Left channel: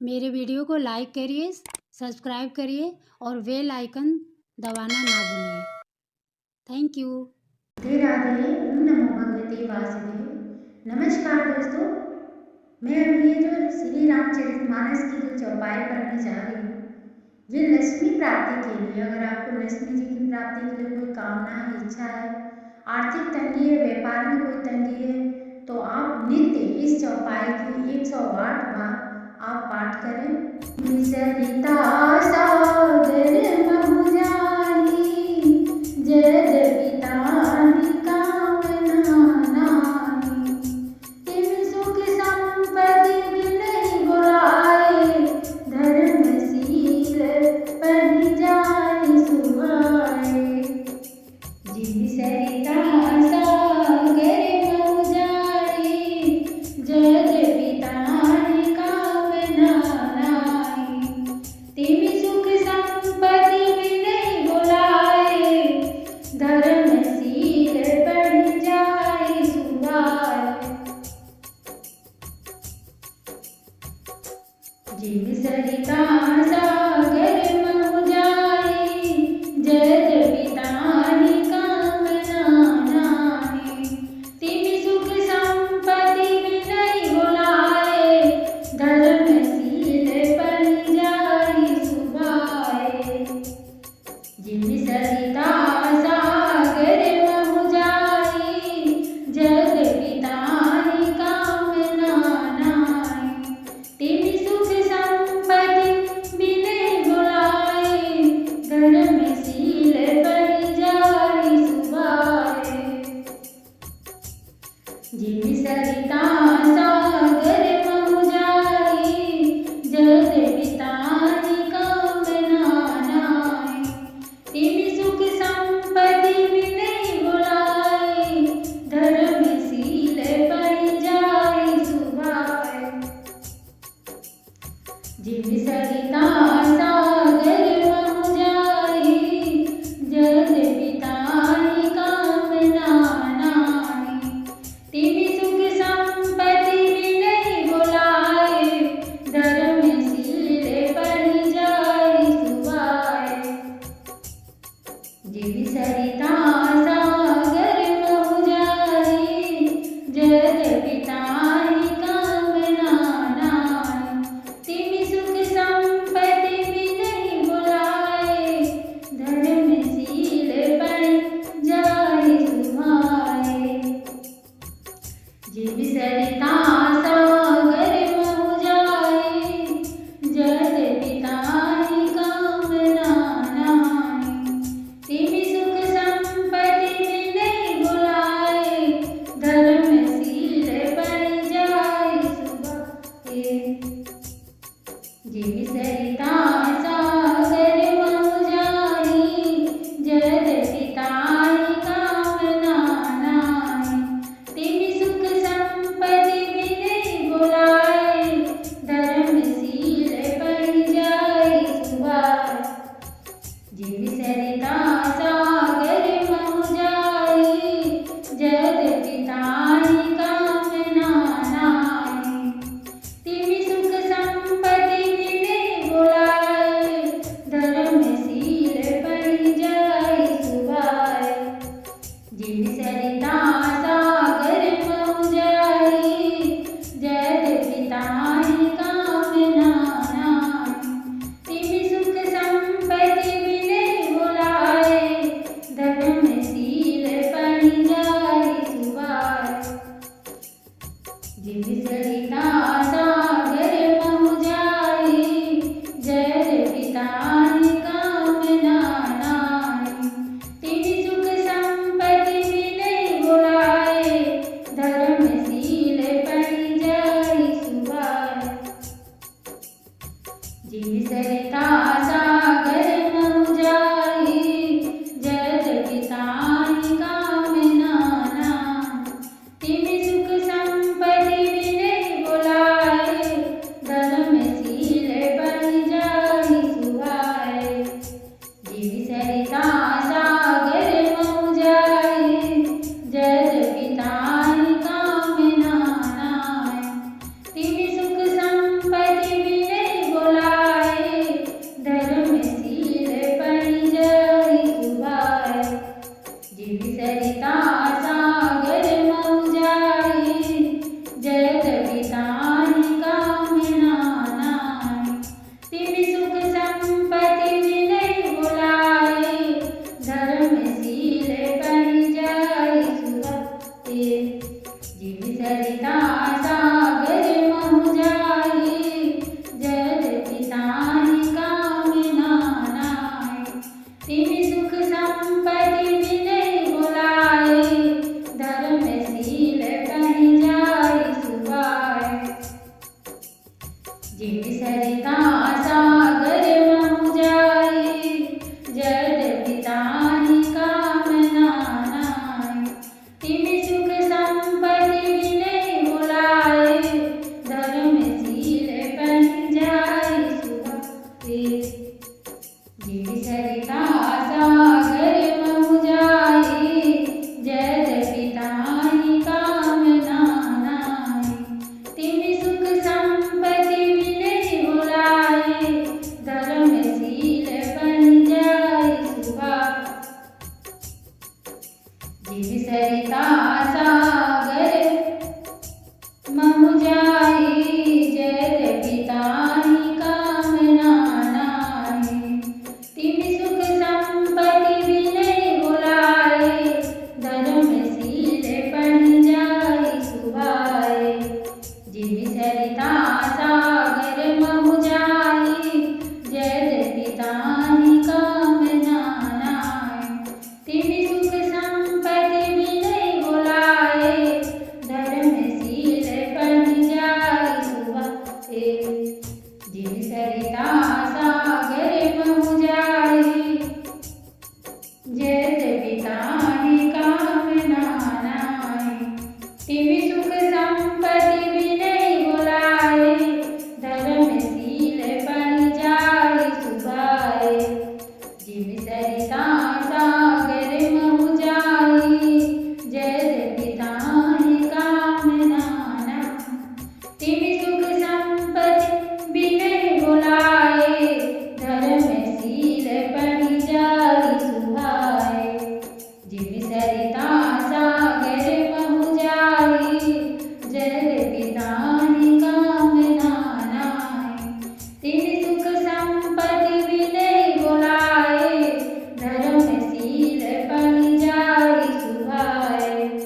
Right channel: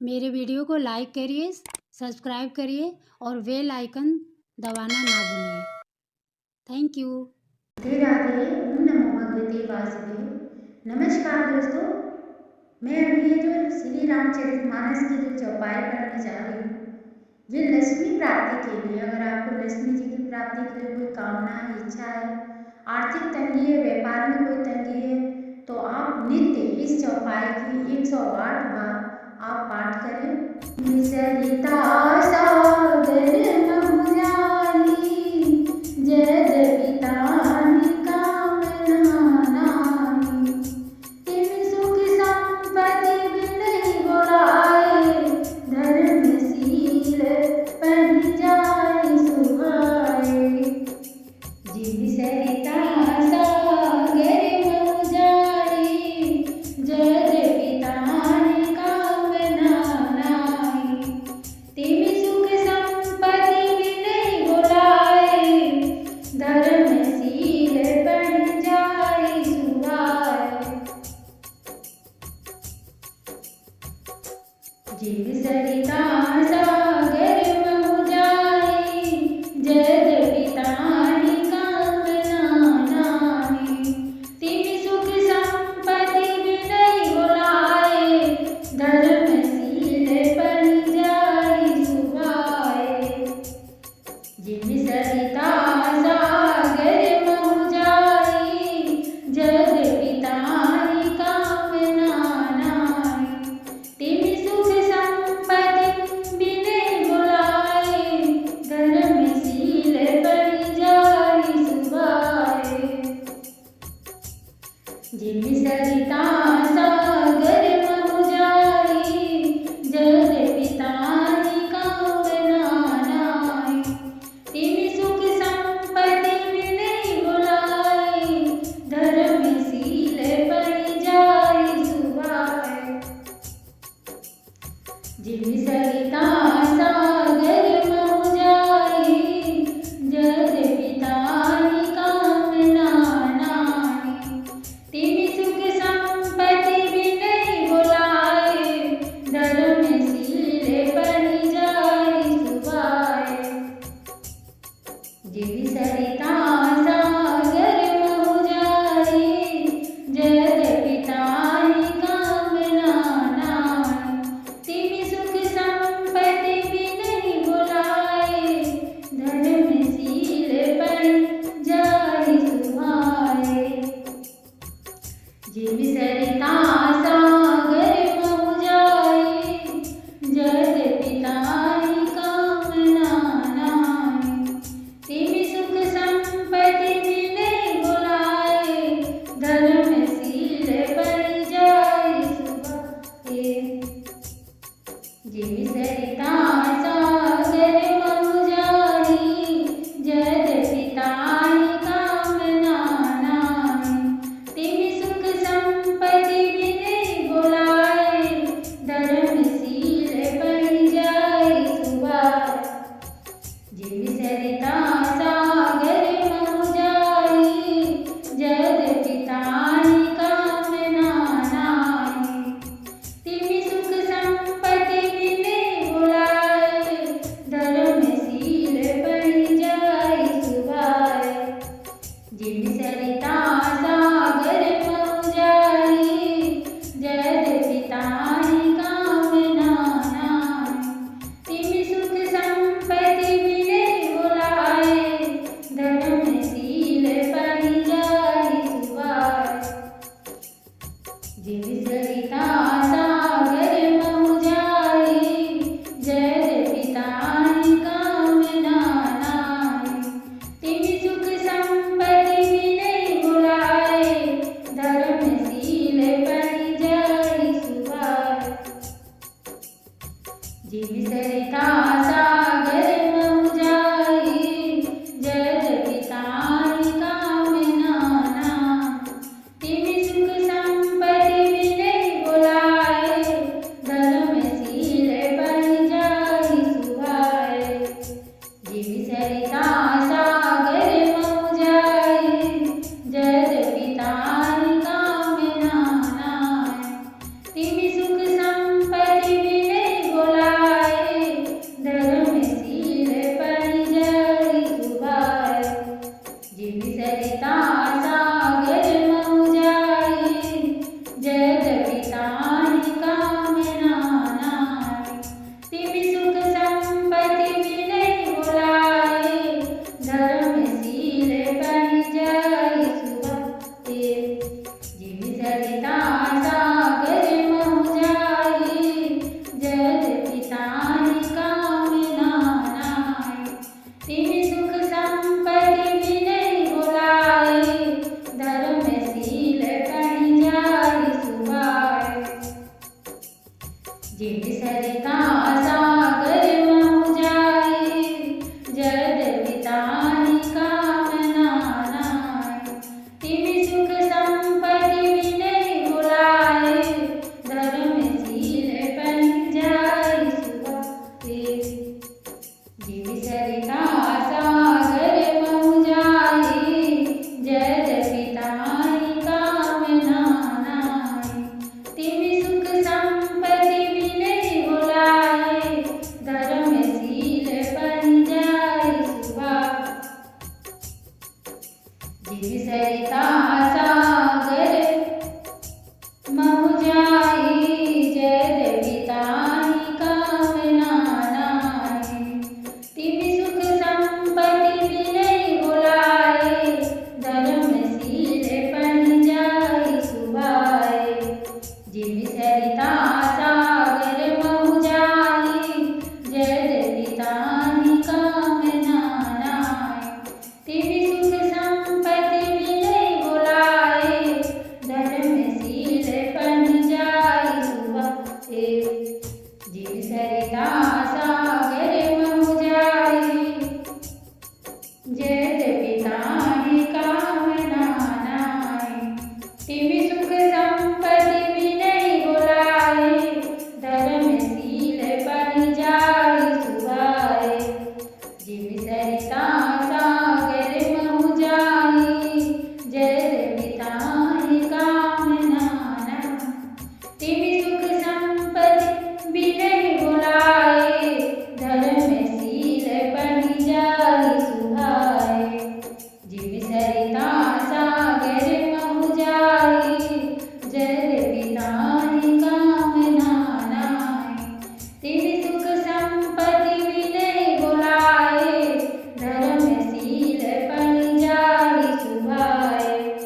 मेरे वीडियो को लाइक करिए, सब्सक्राइब करिए और बेल आइकन दबाना ना भूलिए। Thank you. राधे राधे। ओम नमो भगवते वासुदेव। नमस्कार दोस्तों, मैं अभी ये जो श्री रामचरितमानस की जो चौपाई पढ़ने जा रही हूँ, ये लक्ष्मी प्राप्ति के लिए, अगर आपको लक्ष्मी जी की प्राप्ति के लिए कोई कामना है, इच्छा है, आर्थिक तंगी है, व्यापार में कोई तंगी है, तो आप नित्य इस चौपाई की 108 बार आप पाठ करें। सरिता सागर महु जानी, यद्यपि ताहि कामना नाहि। तिन सुख संपत्ति बिनहि बुलाए, धर्मशील परिजाहि सुहाए। जिन सरिता सागर महु जाई, यद्यपि ताहि कामना नाहि। तिन सुख संपत्ति बिनहि बुलाए, धर्मशील परिजाहि सुहाए। जिन सरिता सागर महु जाई, यद्यपि ताहि कामना नाहि। तिन सुख संपत्ति बिनहि बुलाए, धर्मशील परिजाहि सुहाए। जिन सरिता सागर महु जाई, यद्यपि ताहि कामना नाहि। तिन सुख संपत्ति बिनहि बुलाए, धर्मशील परिजाहि सुहाए। जिन सरिता सागर महु जाई, यद्यपि ताहि कामना नाहि। तिन सुख संपत्ति बिनहि बुलाए, धर्मशील परिजाहि सुहाए। जिन सरिता सागर महु जाई, यद्यपि ताहि कामना नाहि। तिन सुख संपत्ति बिनहि बुलाए, धर्मशील परिजाहि सुहाए। जिन सरिता सागर महु जाई, यद्यपि ताहि कामना नाहि। तिन सुख संपत्ति बिनहि बुलाए, धर्मशील परिजाहि सुहाए। जिन सरिता सागर महु जाई, यद्यपि ताहि कामना नाहि। तिन सुख संपत्ति बिनहि बुलाए, धर्मशील परिजाहि सुहाए। जिन सरिता सागर महु जाई, यद्यपि ताहि कामना नाहि। तिन सुख संपत्ति बिनहि बुलाए, धर्मशील परिजाहि सुहाए। जिन सरिता सागर महु जाई, यद्यपि ताहि कामना नाहि। तिन सुख संपत्ति बिनहि बुलाए, धर्मशील परिजाहि सुहाए। जिन सरिता सागर महु जाई, यद्यपि ताहि कामना नाहि। तिन सुख संपत्ति बिनहि बुलाए, धर्मशील परिजाहि सुहाए। जिन सरिता सागर महु जाई, यद्यपि ताहि कामना नाहि। तिन सुख संपत्ति बिनहि बुलाए, धर्मशील परिजाहि सुहाए। जिन सरिता सागर महु जाई, यद्यपि ताहि कामना नाहि। तिन सुख संपत्ति बिनहि बुलाए, धर्मशील परिजाहि सुहाए। जिन सरिता सागर महु जाई, यद्यपि ताहि कामना नाहि। तिन सुख संपत्ति बिनहि जिन सरिता सागर महु जाए, जद पिताहि कामना नाय। तिमि सुख संपत्ति विनय बुलाए, धर्मशील बन जाय सुभाए। जिन सरिता सागर महु जाए, जद पिताहि कामना नाय। तिमि सुख संपत्ति विनय बुलाए, धर्मशील बन जाय सुभाए। जिन सरिता सागर महु जाए, जद पिताहि कामना नाय। तिमि सुख संपत्ति विनय बुलाए, धर्मशील बन जाय सुभाए। जिन सरिता सागर महु जाए, जद पिताहि कामना नाय। तिमि सुख संपत्ति विनय बुलाए, धर्मशील बन जाय सुभाए। जिन सरिता सागर महु जाए, जद पिताहि कामना नाय। तिमि सुख संपत्ति विनय बुलाए, धर्मशील बन जाय सुभाए। जिन सरिता सागर महु जाए, जद पिताहि कामना नाय। तिमि सुख संपत्ति विनय बुलाए, धर्मशील बन जाय सुभाए। जिन सरिता सागर महु जाए, जद पिताहि कामना नाय। तिमि सुख संपत्ति विनय बुलाए, धर्मशील बन जाय सुभाए।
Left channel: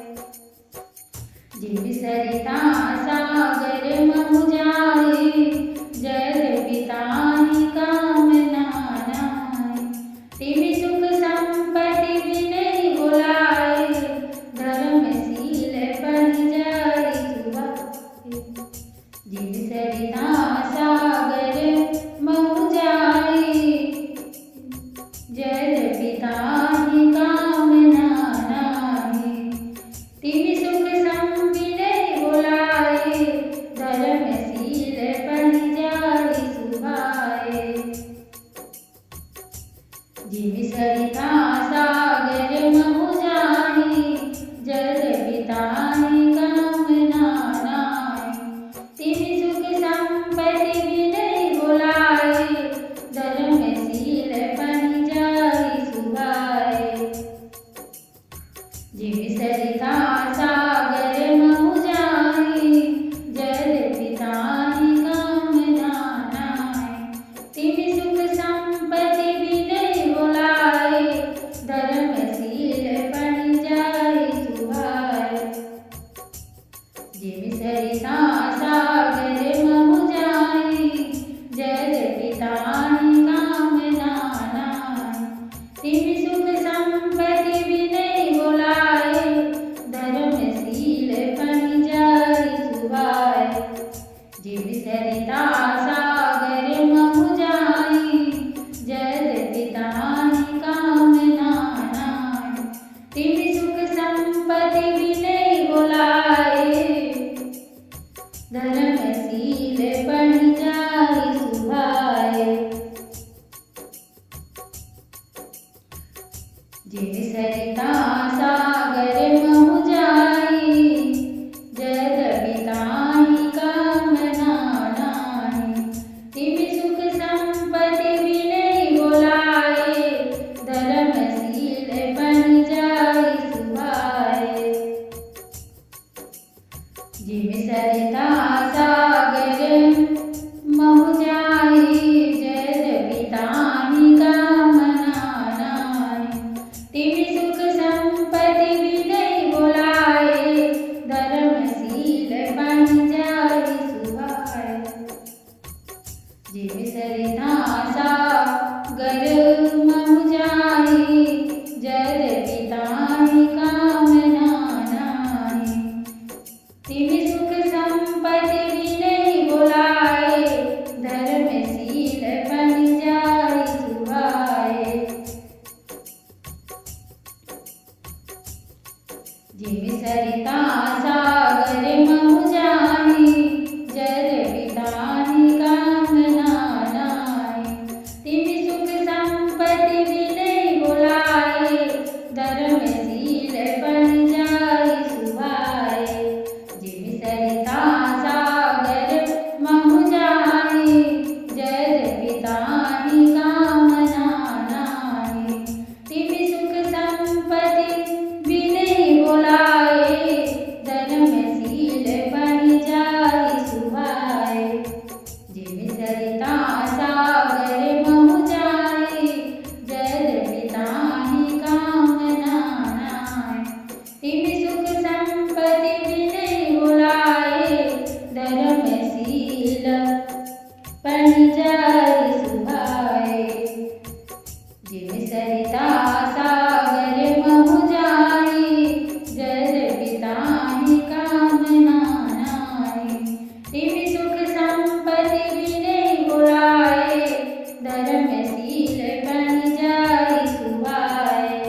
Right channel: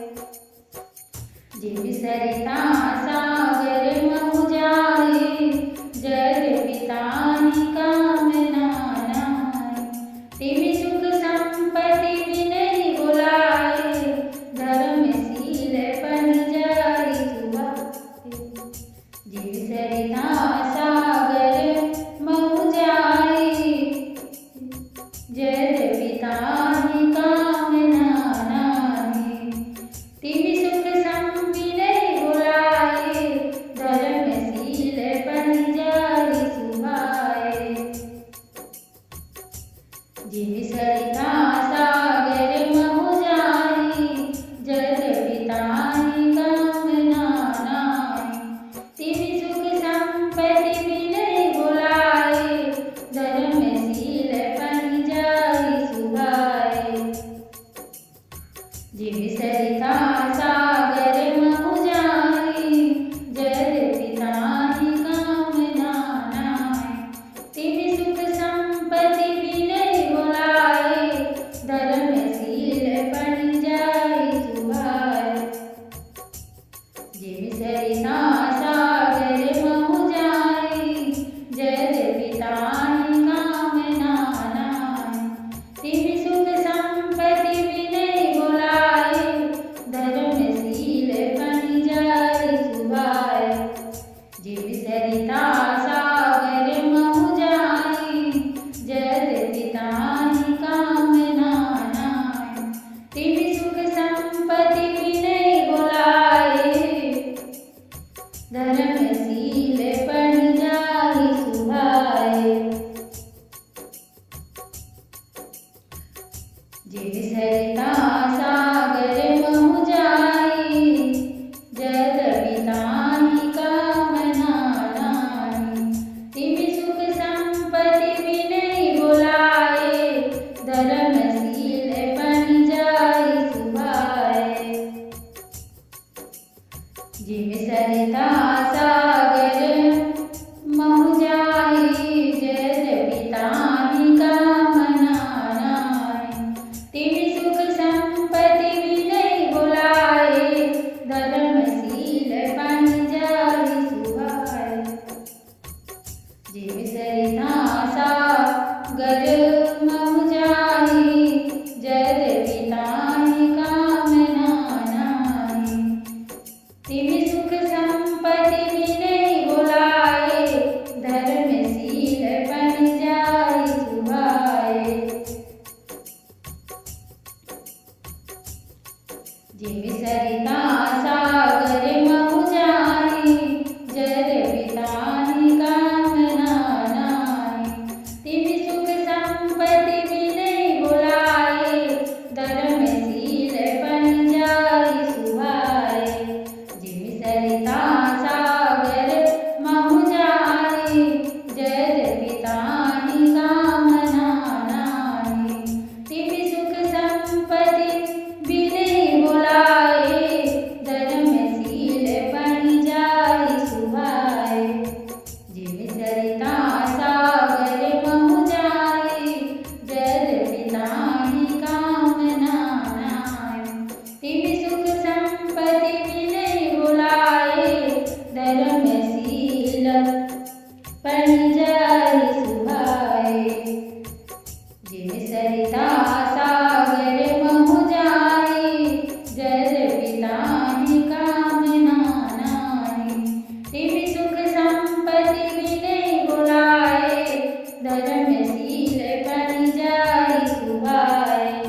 जिन सरिता सागर महु जाए, जद पिताहि कामना नाय। तिमि सुख संपत्ति विनय बुलाए, धर्मशील बन जाय सुभाए। जिन सरिता सागर महु जाए, जद पिताहि कामना नाय। तिमि सुख विनय बुलाए, धर्मशील बन जाय सुभाए। जिन सरिता सागर महु जाए, जद पिताहि कामना नाय। तिमि सुख संपत्ति विनय बुलाए, धर्मशील बन जाय सुभाए। जिन सरिता सागर महु जाए, जद पिताहि कामना नाय। तिमि सुख संपत्ति विनय बुलाए, धर्मशील बन जाय सुभाए। जिन सरिता सागर महु जाए, जद पिताहि कामना नाय। तिमि सुख संपत्ति विनय बुलाए, धर्मशील बन जाय सुभाए। जिन सरिता सागर महु जाए, जद पिताहि कामना नाय। तिमि सुख संपत्ति विनय बुलाए, धर्मशील बन जाय सुभाए। जिन सरिता सागर महु जाए, जद पिताहि कामना नाय। तिमि सुख संपत्ति विनय बुलाए, धर्मशील बन जाय सुभाए। जिन सरिता सागर महु जाए, जद पिताहि कामना नाय। तिमि सुख संपत्ति विनय बुलाए, धर्मशील बन जाय सुभाए। जिन सरिता सागर महु जाए, जद पिताहि कामना नाय। तिमि सुख संपत्ति विनय बुलाए, बनि जाहि सुहाए। जिम सरिता सागर महु जाहि, जल पिताहि कामना नाहि। तिम सुख संपत्ति विनय बुलाए, धर्मशील बनि जाहि सुहाए।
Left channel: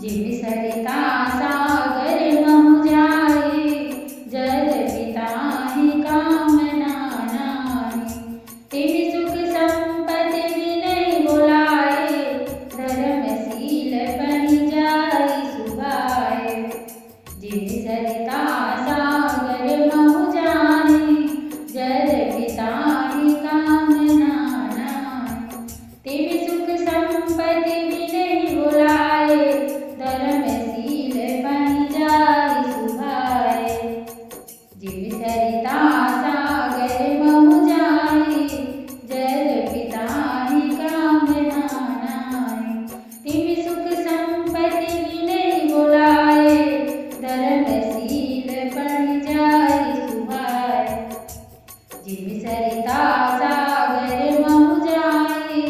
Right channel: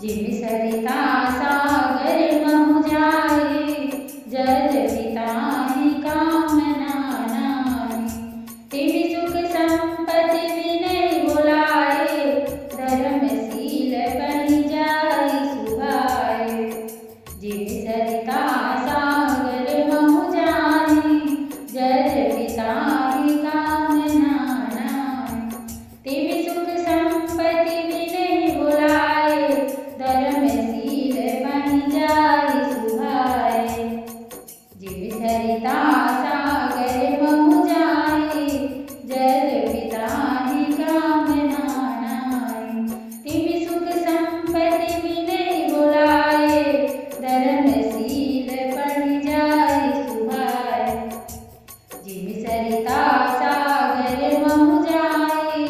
जिम सरिता सागर महु जाहि, जल पिताहि कामना नाहि। तिम सुख संपत्ति विनय बुलाए, धर्मशील बनि जाहि सुहाए। जिम सरिता सागर महु जाहि, जल पिताहि कामना नाहि। तिम सुख संपत्ति विनय बुलाए, धर्मशील बनि जाहि सुहाए। जिम सरिता सागर महु जाहि, जल पिताहि कामना नाहि। तिम सुख संपत्ति विनय बुलाए, धर्मशील बनि जाहि सुहाए। जिम सरिता सागर महु जाहि,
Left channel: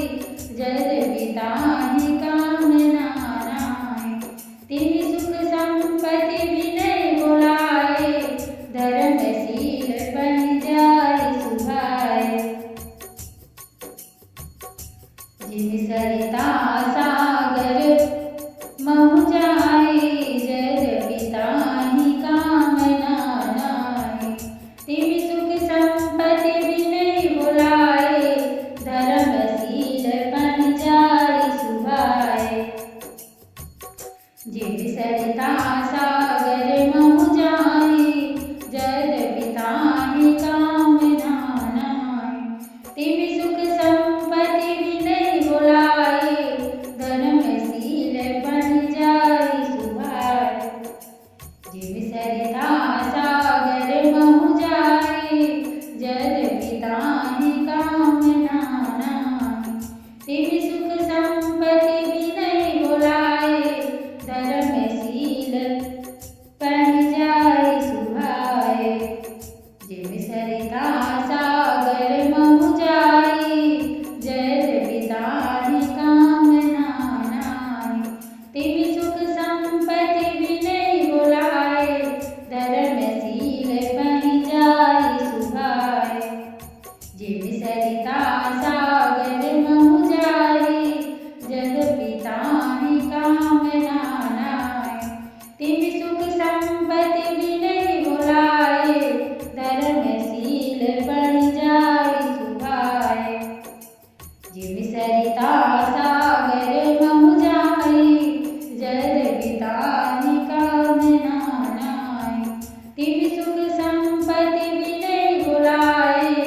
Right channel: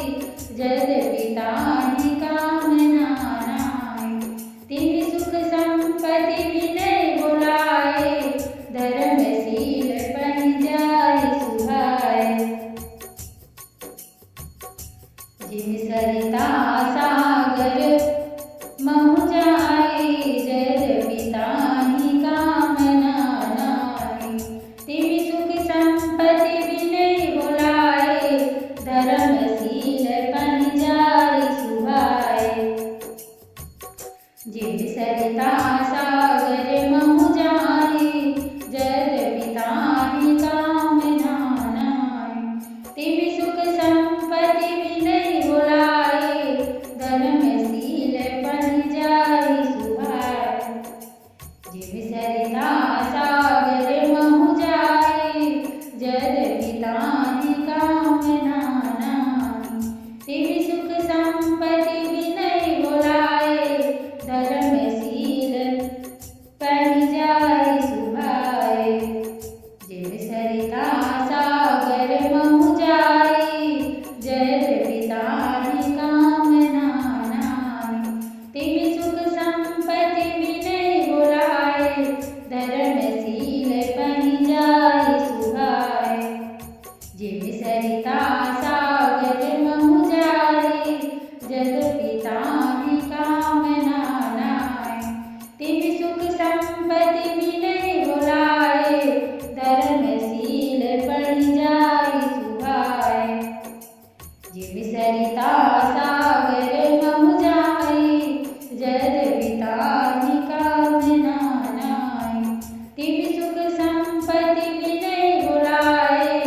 जल पिताहि कामना नाहि। तिम सुख संपत्ति विनय बुलाए, धर्मशील बनि जाहि सुहाए। जिम सरिता सागर महु जाहि, जल पिताहि कामना नाहि। तिम सुख संपत्ति विनय बुलाए, धर्मशील बनि जाहि सुहाए। जिम सरिता सागर महु जाहि, जल पिताहि कामना नाहि। तिम सुख संपत्ति विनय बुलाए, धर्मशील बनि जाहि सुहाए। जिम सरिता सागर महु जाहि, जल पिताहि कामना नाहि। तिम सुख संपत्ति विनय बुलाए, धर्मशील बनि जाहि सुहाए। जिम सरिता सागर महु जाहि, जल पिताहि कामना नाहि। तिम सुख संपत्ति विनय बुलाए, धर्मशील बनि जाहि सुहाए। जिम सरिता सागर महु जाहि, जल पिताहि कामना नाहि। तिम सुख संपत्ति विनय बुलाए, धर्मशील बनि जाहि सुहाए। जिम सरिता सागर महु जाहि, जल पिताहि कामना नाहि। तिम सुख संपत्ति विनय बुलाए,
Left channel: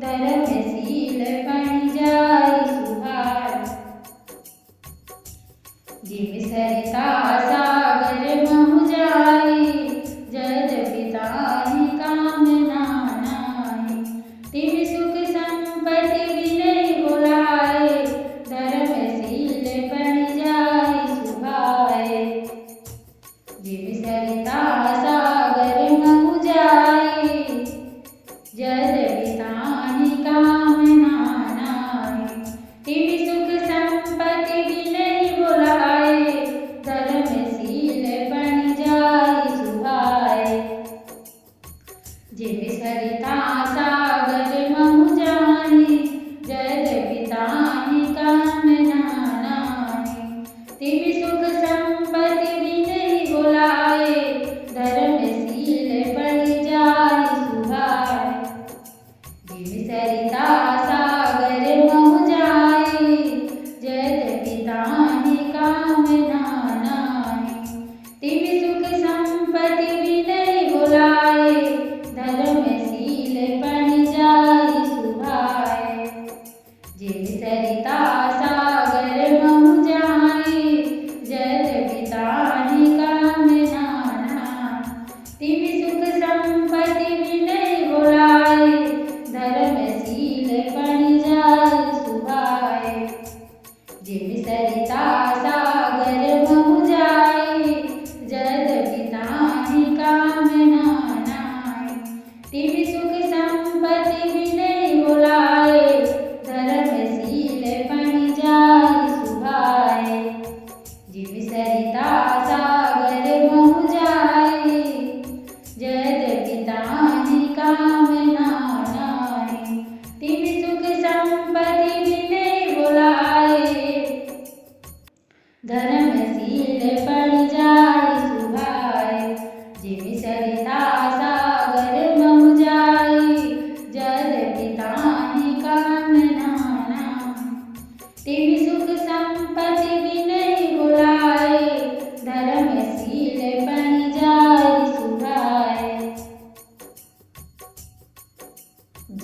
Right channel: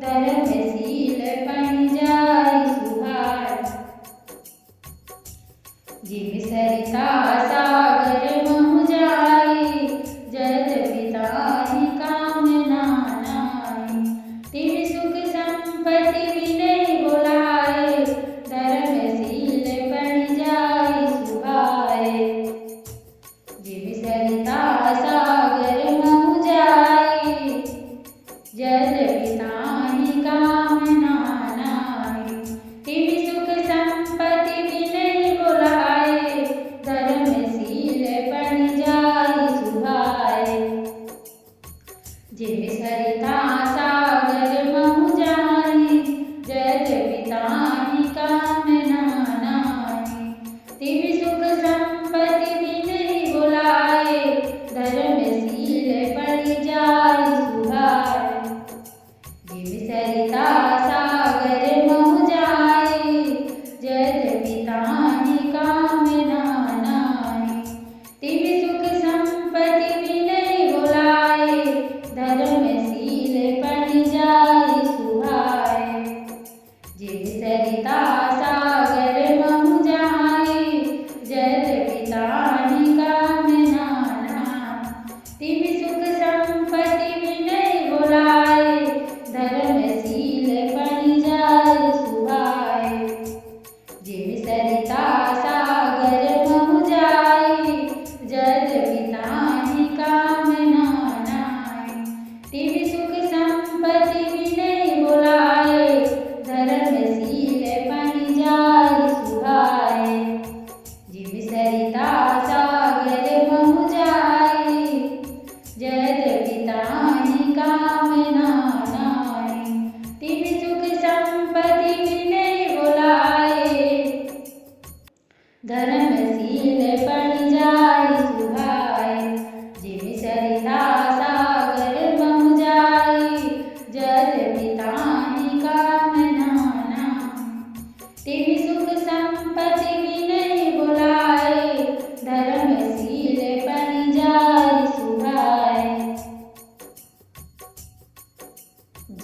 धर्मशील बनि जाहि सुहाए। जिम सरिता सागर महु जाहि, जल पिताहि कामना नाहि। तिम सुख संपत्ति विनय बुलाए, धर्मशील बनि जाहि सुहाए। जिम सरिता सागर महु जाहि, जल पिताहि कामना नाहि। तिम सुख संपत्ति विनय बुलाए, धर्मशील बनि जाहि सुहाए। जिम सरिता सागर महु जाहि, जल पिताहि कामना नाहि। तिम सुख संपत्ति विनय बुलाए, धर्मशील बनि जाहि सुहाए। जिम सरिता सागर महु जाहि, जल पिताहि कामना नाहि। तिम सुख संपत्ति विनय बुलाए, धर्मशील बनि जाहि सुहाए। जिम सरिता सागर महु जाहि, जल पिताहि कामना नाहि। तिम सुख संपत्ति विनय बुलाए, धर्मशील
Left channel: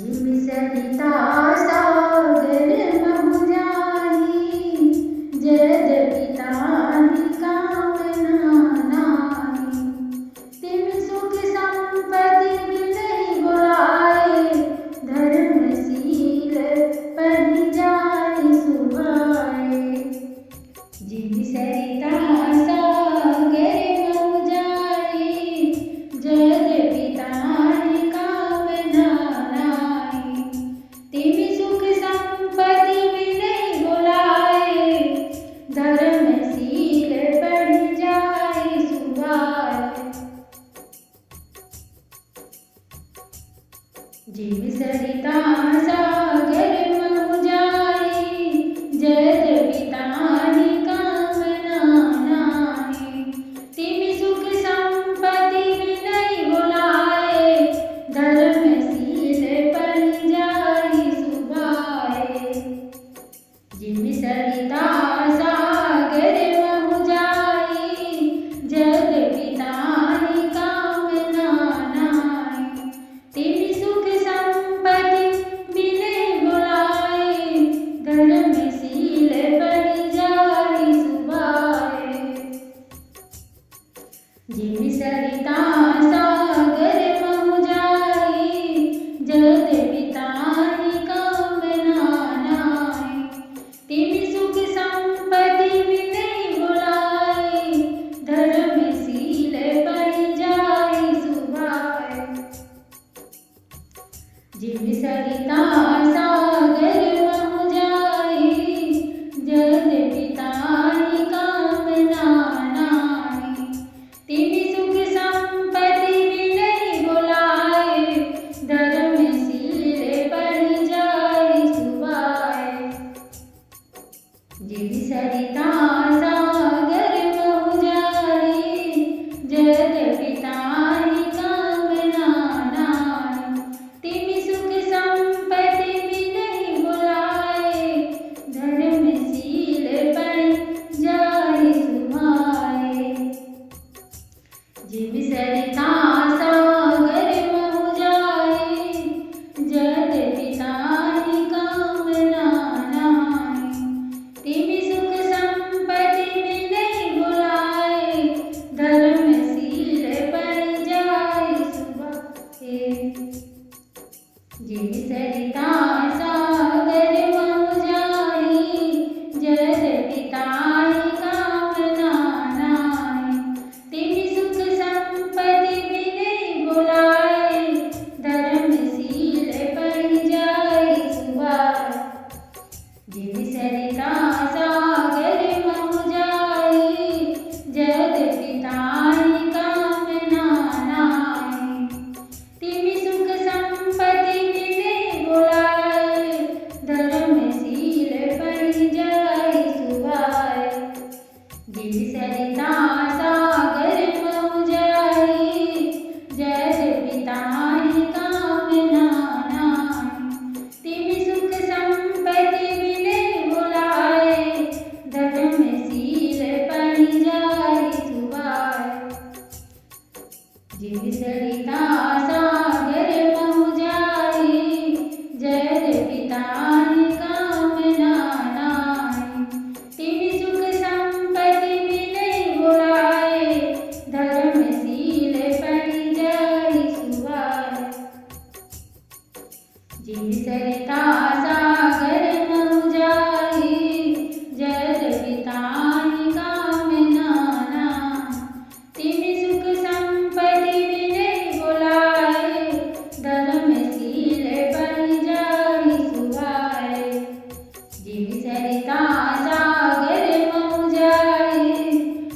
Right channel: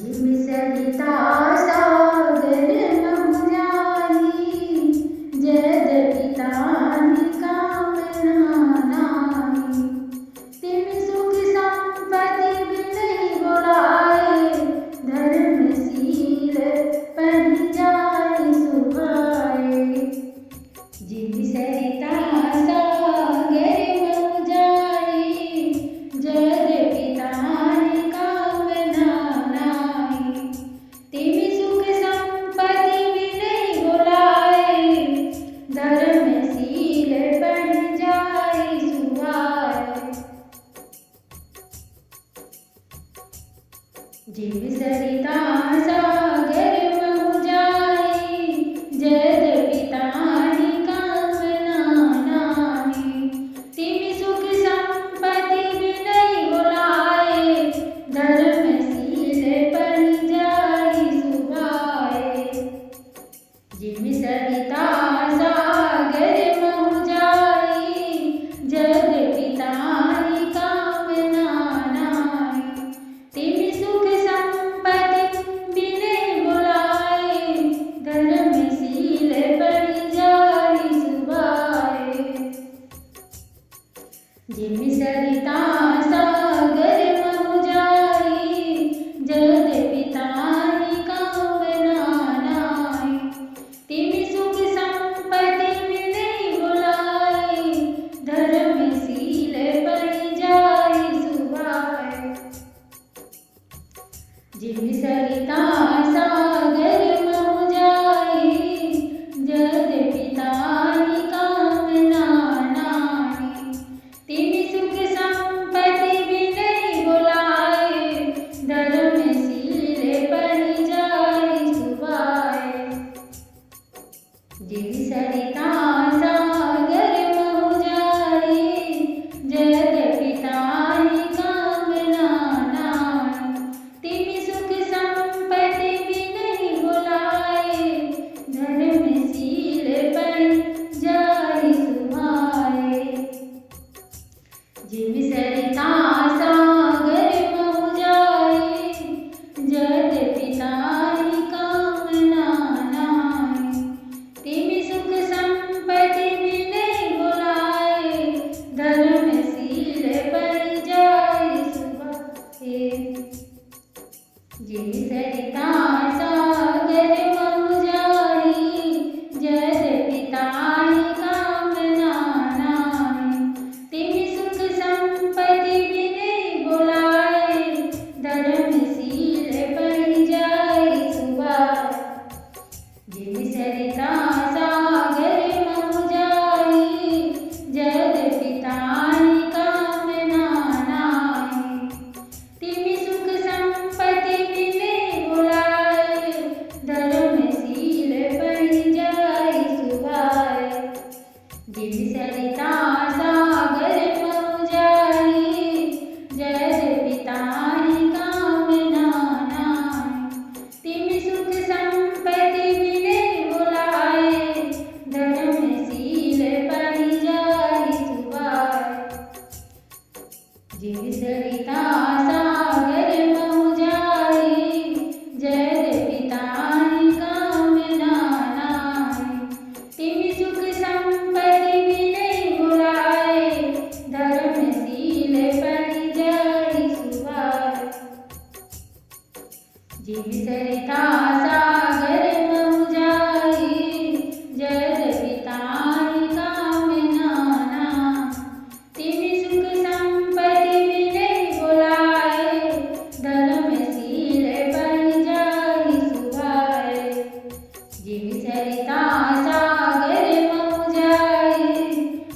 जिम सरिता सागर महु जाई, यद्यपि ताहि कामना नाहि। तिम सुख संपत्ति बिनहि बुलाए, धर्मशील पहि जाय सुभाए। जिम सरिता सागर महु जाई, यद्यपि ताहि कामना नाहि। तिम सुख संपत्ति बिनहि बुलाए, धर्मशील पहि जाय सुभाए। जिम सरिता सागर महु जाई, यद्यपि ताहि कामना नाहि। तिम सुख संपत्ति बिनहि बुलाए, धर्मशील पहि जाय सुभाए। जिम सरिता सागर महु जाई, यद्यपि ताहि कामना नाहि। तिम सुख संपत्ति बिनहि बुलाए, धर्मशील पहि जाय सुभाए। जिम सरिता सागर महु जाई, यद्यपि ताहि कामना नाहि। तिम सुख संपत्ति बिनहि बुलाए, धर्मशील पहि जाय सुभाए। जिम सरिता सागर महु जाई, यद्यपि ताहि कामना नाहि। तिम सुख संपत्ति बिनहि बुलाए, धर्मशील पहि जाय सुभाए। जिम सरिता सागर महु जाई, यद्यपि ताहि कामना नाहि। तिम सुख संपत्ति बिनहि बुलाए, धर्मशील पहि जाय सुभाए। जिम सरिता सागर महु जाई, यद्यपि ताहि कामना नाहि। तिम सुख संपत्ति बिनहि बुलाए, धर्मशील पहि जाय सुभाए। जिम सरिता सागर महु जाई, यद्यपि ताहि कामना नाहि। तिम सुख संपत्ति बिनहि बुलाए, धर्मशील पहि जाय सुभाए। जिम सरिता सागर महु जाई, यद्यपि ताहि कामना नाहि। तिम सुख संपत्ति बिनहि बुलाए, धर्मशील पहि जाय सुभाए। जिम सरिता सागर महु जाई, यद्यपि ताहि कामना नाहि। तिम सुख संपत्ति बिनहि बुलाए, धर्मशील पहि जाय सुभाए। जिम सरिता सागर महु जाई, यद्यपि ताहि कामना नाहि। तिम सुख संपत्ति बिनहि बुलाए, धर्मशील पहि जाय सुभाए। जिम सरिता सागर महु जाई, यद्यपि ताहि कामना नाहि। तिम सुख संपत्ति बिनहि बुलाए, धर्मशील पहि जाय सुभाए। जिम सरिता सागर महु जाई,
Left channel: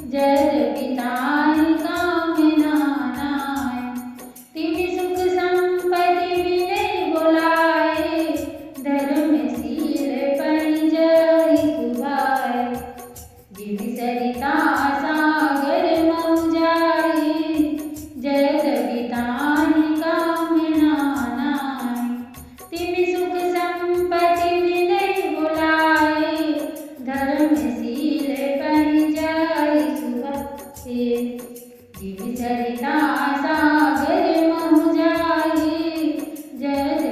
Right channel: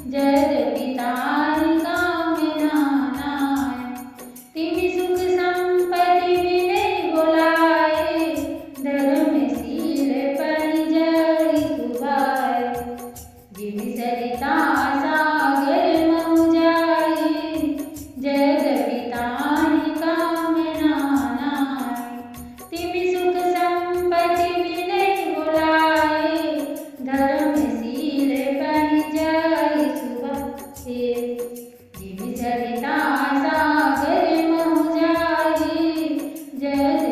यद्यपि ताहि कामना नाहि। तिम सुख संपत्ति बिनहि बुलाए, धर्म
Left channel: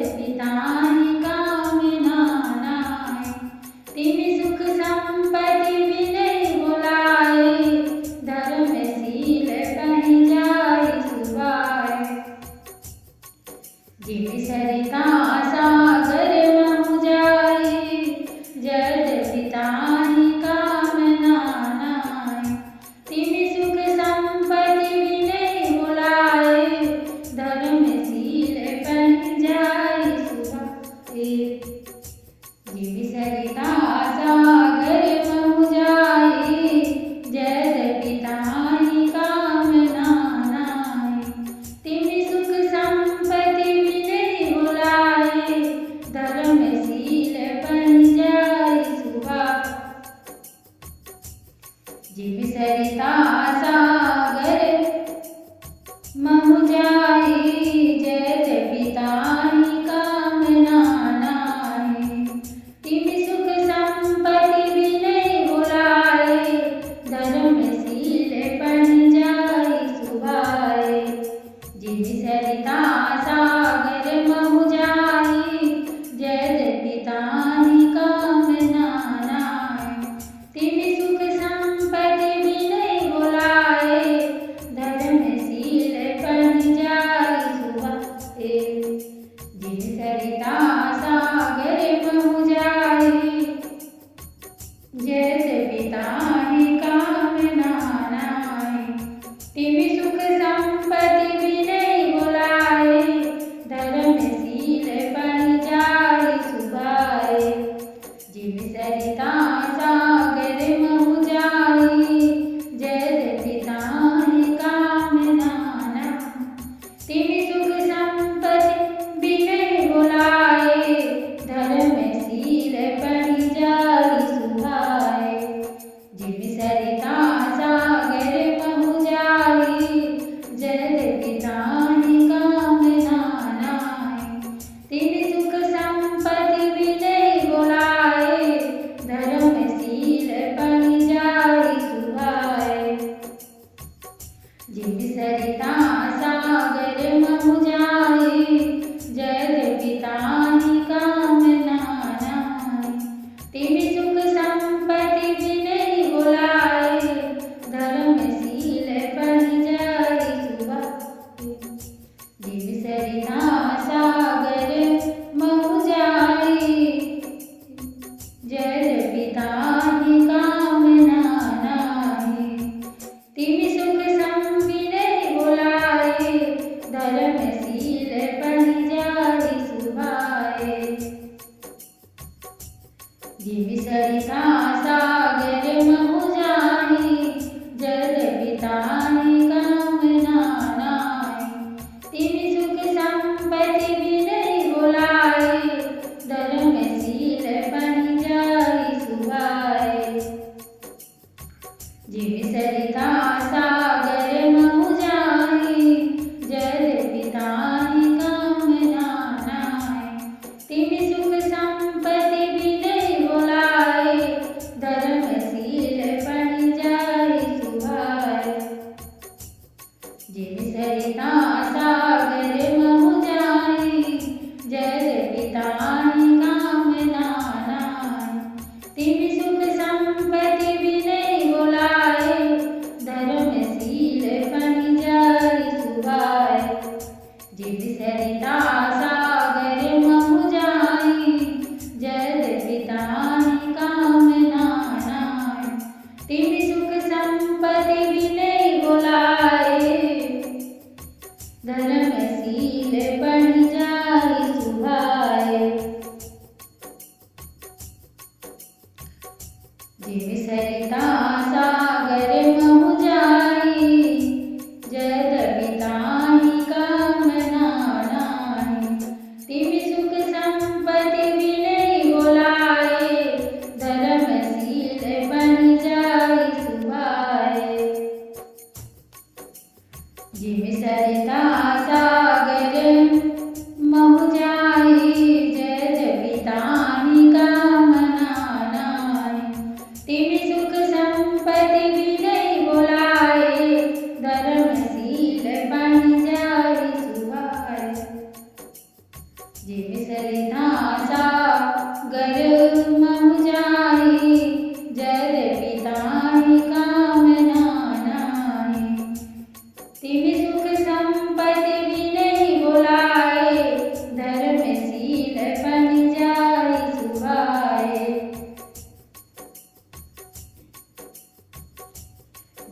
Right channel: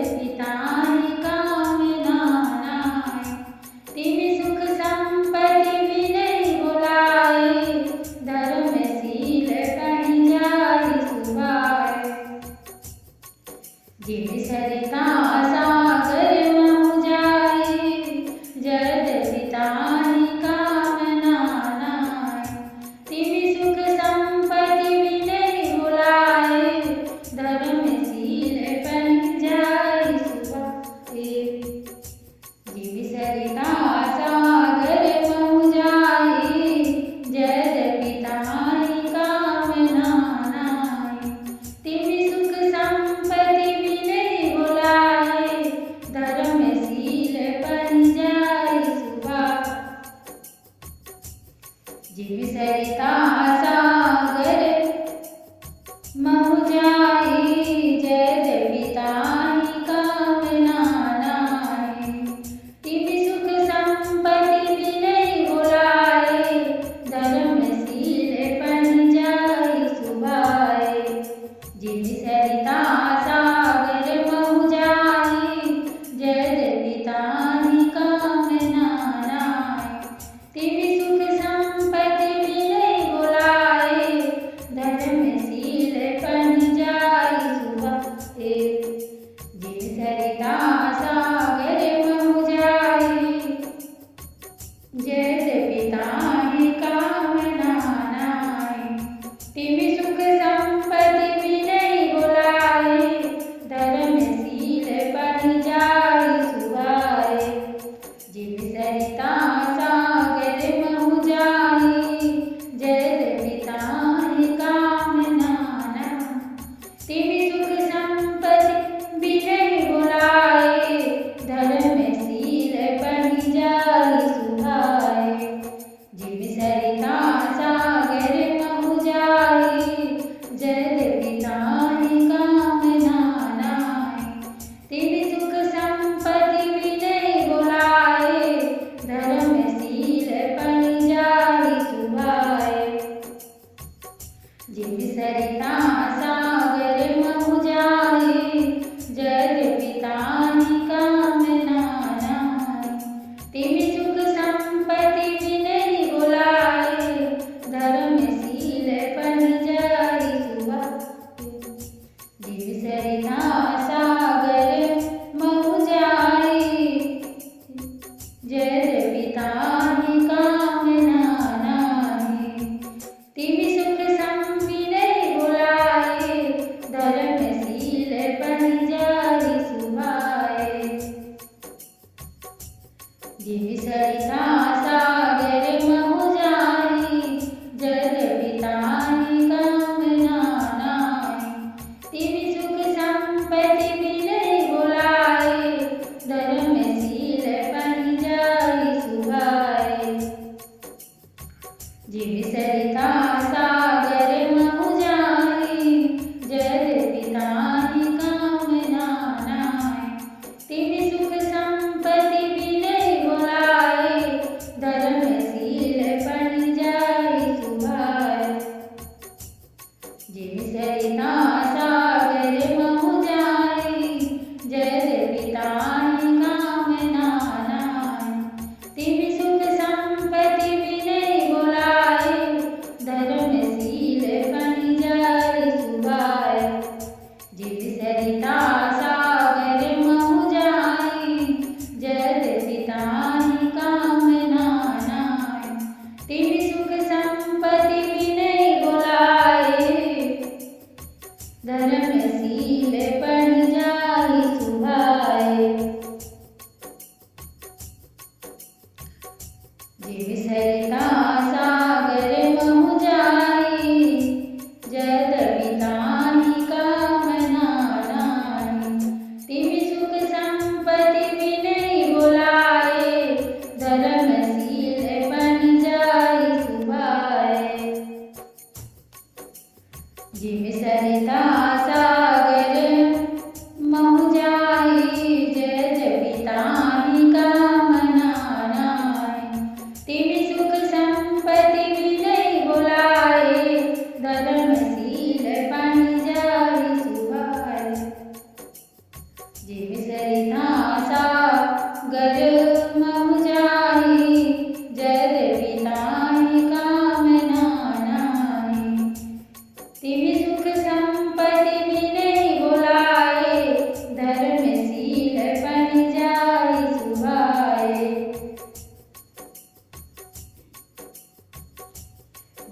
पिताहि कामना नाय। तिमि सुख संपत्ति विनय बुलाए, धर्मशील बनि जाय सुभाय। जिमि सरिता सागर महु जाय, जद पिताहि कामना नाय। तिमि सुख संपत्ति विनय बुलाए, धर्मशील बनि जाय सुभाय। जिमि सरिता सागर महु जाय, जद पिताहि कामना नाय। तिमि सुख संपत्ति विनय बुलाए, धर्मशील बनि जाय सुभाय। जिमि सरिता सागर महु जाय, जद पिताहि कामना नाय। तिमि सुख संपत्ति विनय बुलाए, धर्मशील बनि जाय सुभाय। जिमि सरिता सागर महु जाय, जद पिताहि कामना नाय। तिमि सुख संपत्ति विनय बुलाए, धर्मशील बनि जाय सुभाय। जिमि सरिता सागर महु जाय, जद पिताहि कामना नाय। तिमि सुख संपत्ति विनय बुलाए, धर्मशील बनि जाय सुभाय। जिमि सरिता सागर महु जाय, जद पिताहि कामना नाय। तिमि सुख संपत्ति विनय बुलाए, धर्मशील बनि जाय सुभाय। जिमि सरिता सागर महु जाय, जद पिताहि कामना नाय। तिमि सुख संपत्ति विनय बुलाए, धर्मशील बनि जाय सुभाय। जिमि सरिता सागर महु जाय, जद पिताहि कामना नाय। तिमि सुख संपत्ति विनय बुलाए, धर्मशील बनि जाय सुभाय। जिमि सरिता सागर महु जाय, जद पिताहि कामना नाय। तिमि सुख विनय बुलाए, धर्मशील बनि जाय सुभाय। जिमि सरिता सागर महु जाय, जद पिताहि कामना नाय। तिमि सुख संपत्ति विनय बुलाए, धर्मशील बनि जाय सुभाय। जिमि सरिता सागर महु जाय, जद पिताहि कामना नाय। तिमि सुख संपत्ति विनय बुलाए, जिम सरिता सागर महु जाहि, जद पिताहि कामना नाहि। तिमि सुख संपत्ति बिनहि बुलाए, धर्मशील बनि जाहि सुभाए।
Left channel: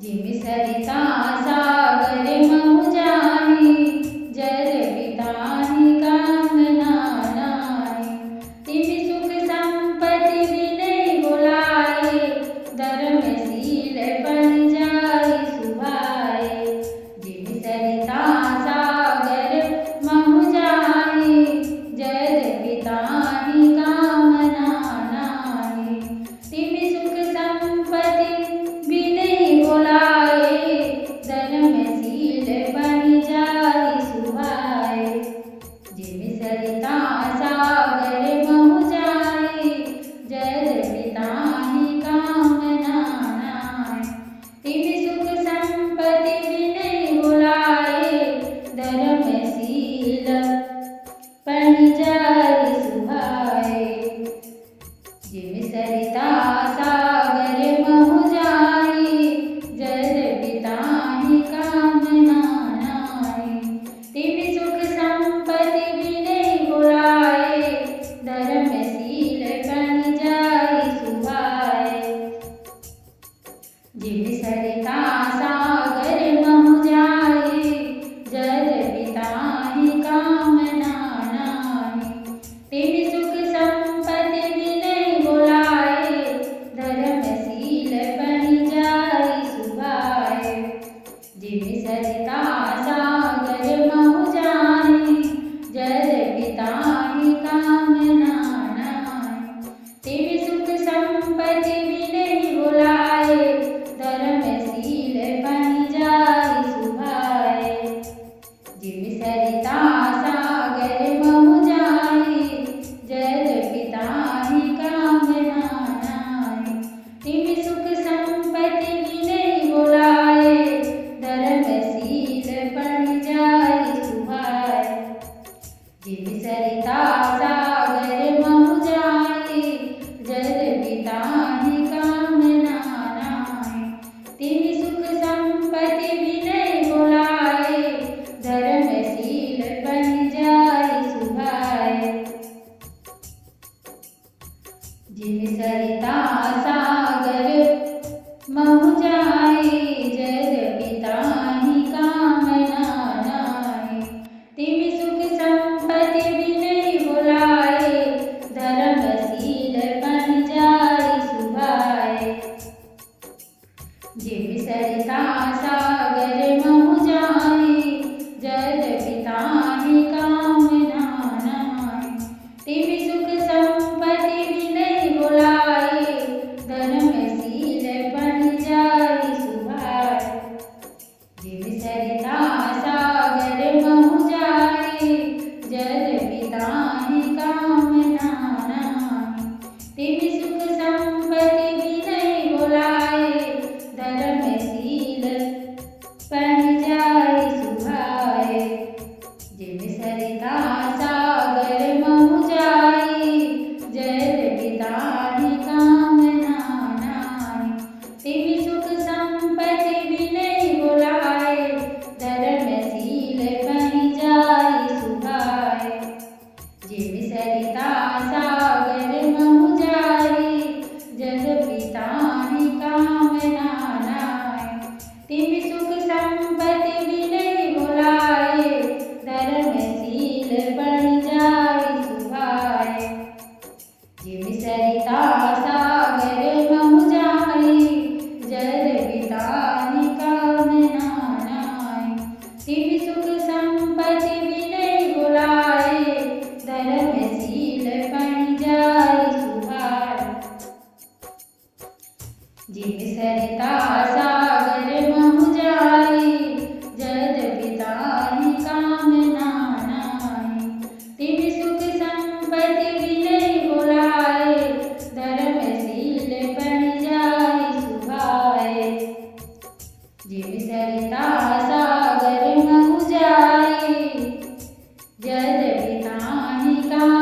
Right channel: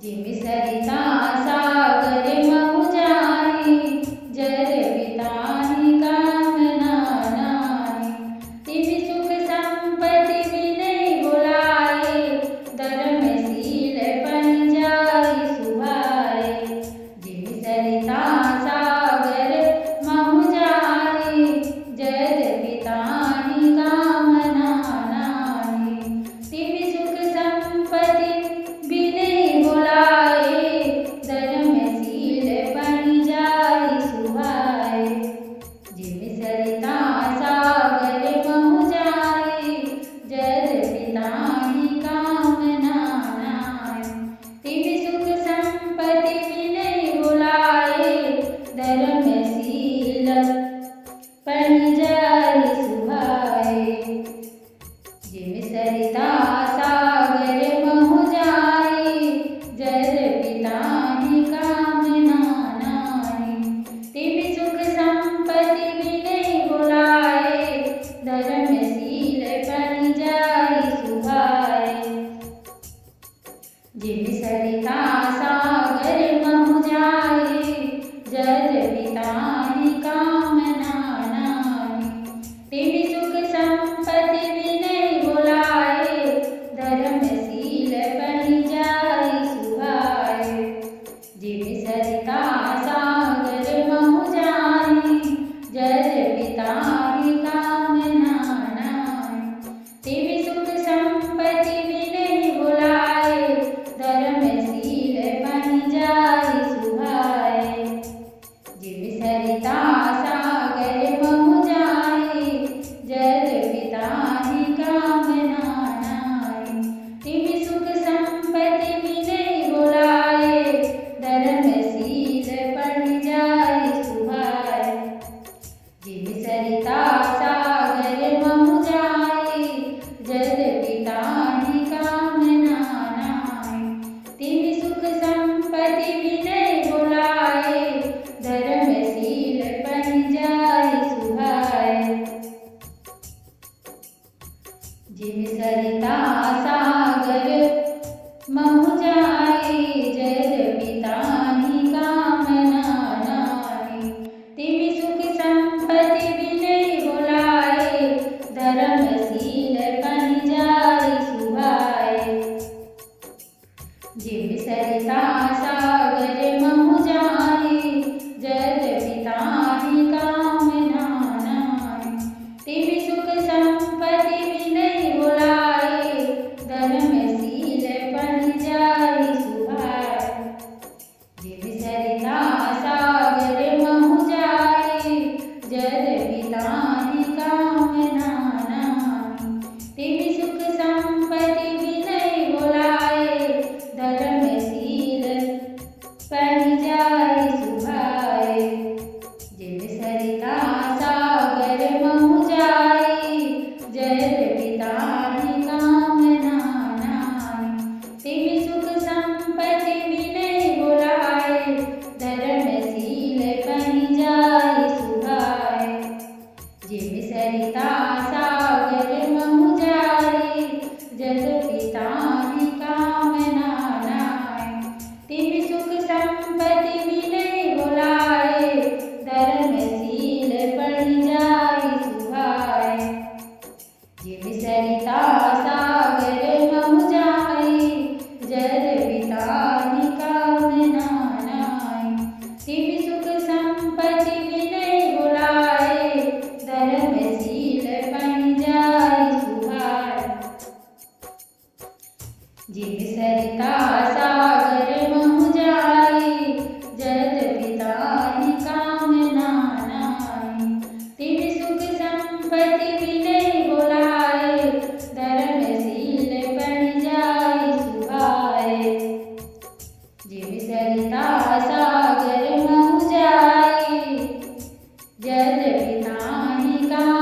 जिम सरिता सागर महु जाहि, जद पिताहि कामना नाहि। तिमि सुख संपत्ति बिनहि बुलाए, धर्मशील बनि जाहि सुभाए। जिम सरिता सागर महु जाहि, जद पिताहि कामना नाहि। तिमि सुख संपत्ति बिनहि बुलाए, धर्मशील बनि जाहि सुभाए। जिम सरिता सागर महु जाहि, जद पिताहि कामना नाहि। तिमि सुख संपत्ति बिनहि बुलाए, धर्मशील बनि जाहि सुभाए। जिम सरिता सागर महु जाहि, जद पिताहि कामना नाहि। तिमि सुख संपत्ति बिनहि बुलाए, धर्मशील बनि जाहि सुभाए। जिम सरिता सागर महु जाहि, जद पिताहि कामना नाहि। तिमि सुख संपत्ति बिनहि बुलाए, धर्मशील बनि जाहि सुभाए। जिम सरिता सागर महु जाहि, जद पिताहि कामना नाहि। तिमि सुख संपत्ति बिनहि बुलाए, धर्मशील बनि जाहि सुभाए। जिम सरिता सागर महु जाहि, जद पिताहि कामना नाहि। तिमि सुख संपत्ति बिनहि बुलाए, धर्मशील बनि जाहि सुभाए। जिम सरिता सागर महु जाहि, जद पिताहि कामना नाहि। तिमि सुख संपत्ति बिनहि बुलाए, धर्मशील बनि जाहि सुभाए। जिम सरिता सागर महु जाहि, जद पिताहि कामना नाहि। तिमि सुख संपत्ति बिनहि बुलाए, धर्मशील बनि जाहि सुभाए। जिम सरिता सागर महु जाहि, जद पिताहि कामना नाहि। तिमि सुख संपत्ति बिनहि बुलाए, धर्मशील बनि जाहि सुभाए। जिम सरिता सागर महु जाहि, जद पिताहि कामना नाहि। तिमि सुख संपत्ति बिनहि बुलाए, धर्मशील बनि जाहि सुभाए। जिम सरिता सागर महु जाहि, जद पिताहि कामना नाहि। तिमि सुख संपत्ति बिनहि बुलाए, धर्मशील बनि जाहि सुभाए। जिम सरिता सागर महु जाहि, जद पिताहि कामना नाहि। तिमि सुख संपत्ति बिनहि बुलाए, धर्मशील बनि जाहि सुभाए। जिम सरिता सागर महु जाहि, जद पिताहि कामना नाहि। तिमि सुख संपत्ति बिनहि बुलाए, धर्मशील बनि जाहि सुभाए। जिम सरिता सागर महु जाहि, जद पिताहि कामना नाहि। तिमि सुख संपत्ति बिनहि बुलाए, धर्मशील बनि जाहि सुभाए। जिम सरिता सागर महु जाहि, जद पिताहि कामना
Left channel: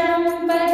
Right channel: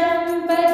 संपत्ति